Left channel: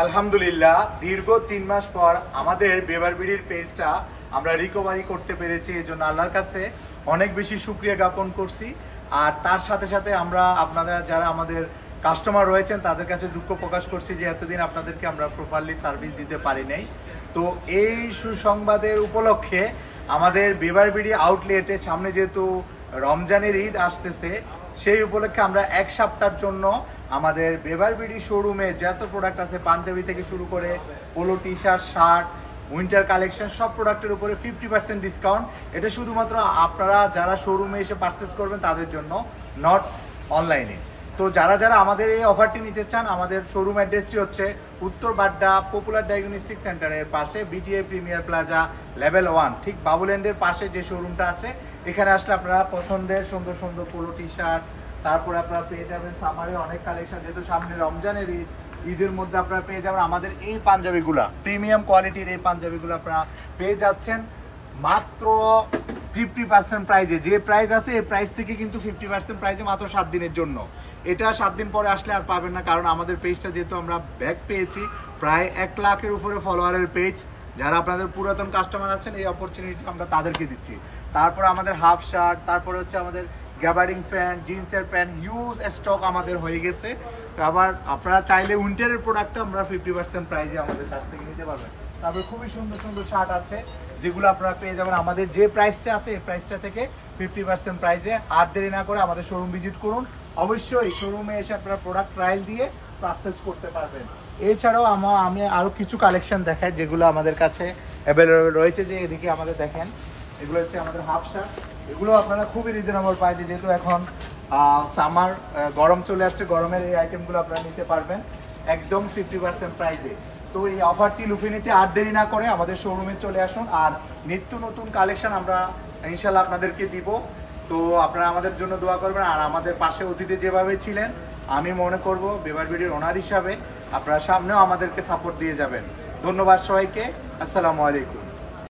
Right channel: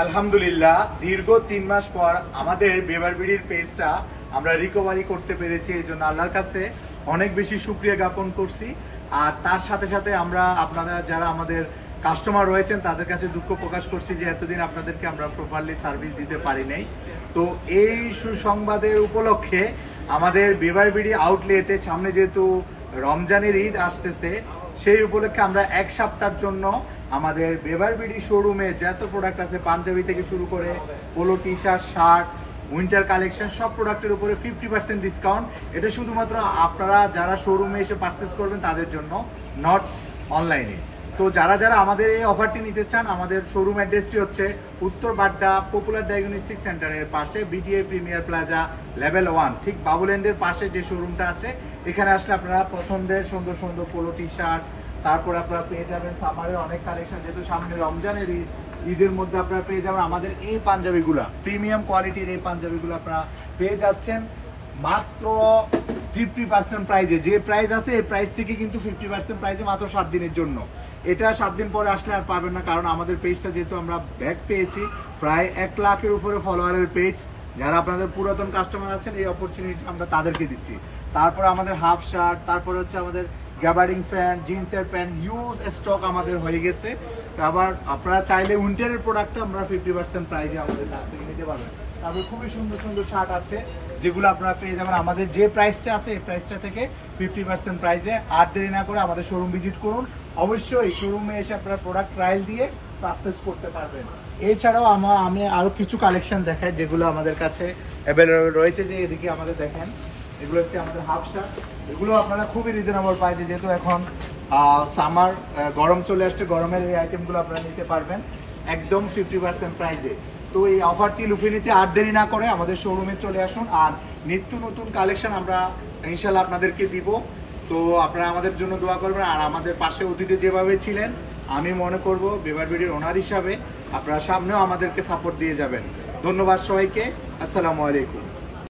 আলহামদুলিল্লাহ দীর্ঘ 3 মাস পর আমাদের বেবারবিড়ির পেজটা আমরা রিকভারি করতে পেরেছি, এই জন্য আল্লাহর কাছে অনেক বেশি শুকরিয়া জ্ঞাপন করছি। আর তার সাথে সাথে আমরা আপনারা যারা আমাদের কাস্টমার রয়েছেন তাদের কাছে দুঃখ প্রকাশ করছি যে এতদিন আপনাদেরকে আমরা প্রপারলি সার্ভিস দিতে পারি নাই। তো এই সুসংবাদের উপলক্ষে আমাদের বেবারবিড়ি আউটলেটে সামনে যেহেতু রমজানের ঈদ আসতেছে, সেই উপলক্ষে আমরা এক সপ্তাহের জন্য আমাদের বেবারবিড়ি শোরুমে যত প্রোডাক্ট আছে, পাঞ্জাবি থেকে শুরু করে polo T shirt, shirt, winter collection, সব প্রোডাক্টের উপরে 50% ডিসকাউন্ট। এটা শুধুমাত্র আপনারা যারা শোরুমে এসে পারচেস করবেন তাদের জন্য, নট অনলাইনে। তো যারা যারা আমাদের এই অফারটি নিতে চান, আমাদের শোরুম অ্যাড্রেসটি হচ্ছে উত্তর বাড্ডা পপুলার ডায়াগনস্টিক সেন্টারের পাশে, বিটিআই প্রিমিয়ার প্লাজা লেভেল 1, ঠিক বাবুল্যান্ডের পাশে যে শোরুমটা আছে। এখানে আসলে আপনারা পছন্দের সুন্দর সুন্দর পোলো টি শার্ট, তারপর আপনারা পেয়ে যাবেন সামারের অনেক কালেকশন, যেহেতু সামনে রমজানের ঈদ, ঈদের মধ্যে আপনারা পেয়ে যাবেন আমাদের এই পাঞ্জাবিগুলা, প্রিমিয়াম কোয়ালিটির এই পাঞ্জাবিগুলো আপনারা পেয়ে যাচ্ছেন মাত্র 50% প্রাইজে। যে প্রাইস আছে এই প্রাইস থেকে কিন্তু 50% প্রাইজে মাত্র 7 দিনের জন্য। এটা 7 দিন পরে আসলে আর পাবেন না, কারণ আমাদের পেজটা যেহেতু আমরা ব্যাক পেয়েছি প্রায় 1 লাখের উপরে ফলোয়ারের পেজ, যারা আপনাদের পুরাতন কাস্টমার আছেন এই অপরচুনিটি আমরা তাদেরকে দিচ্ছি। তারপর আমাদের হাফ শার্ট, তারপর হচ্ছে আমাদের গ্যাবার্ডিং প্যান্ট, জিন্সের প্যান্ট, হিউজ স্টক আমাদের হয়ে গেছে। আবার আপনারা চাইলে উইন্টারের প্রোডাক্টটা আমরা 50% প্রাইজে আমাদের কাছ থেকে নিতে পারবেন। তারপর খুবই সুন্দর সুন্দর শার্ট আছে যেগুলো আপনারা পেয়ে যাবেন আমাদের যে প্রাইসটা আছে এই প্রাইসটা থেকে 50% প্রাইজে। আর দেরি না করে আমাদের শোরুম ভিজিট করুন, অবশ্যই শোরুমে এসে আপনারা প্রোডাক্ট ট্রায়াল দিয়ে পারচেজ করতে পারবেন। এছাড়াও আমি আরও কিছু কালেকশন দেখাই যেগুলো আমাদের কাছে অ্যাভেলেবল রয়েছে। যে এদিকে আমাদের দেখেন, এগুলো হচ্ছে আমাদের হাফ শার্ট, এগুলো আপনারা খুবই রিজনেবল প্রাইসে, যেহেতু এখন সামার গরম চলে আসছে, গরমের এই আইটেমগুলো আপনারা নিতে পারবেন একদম 50% প্রাইসে। তো এই অফারটি লুফে নিতে আর দেরি না করে আমাদের শোরুমে চলে আসুন, আর নিত্য নতুন কালেকশন আমরা ইনশাল্লাহ আপনাদেরকে দিব। তো আপনারা আমাদের জন্য দোয়া করবেন, আর আমাদের পাশে অতীতে যেভাবে ছিলেন আমি মনে করব বেবারবিড়ির ওনার হিসাবে আপনারা সামনেও আমাদেরকে সাপোর্ট দিয়ে যাবেন। ধন্যবাদ সবাইকে, আসসালামু আলাইকুম।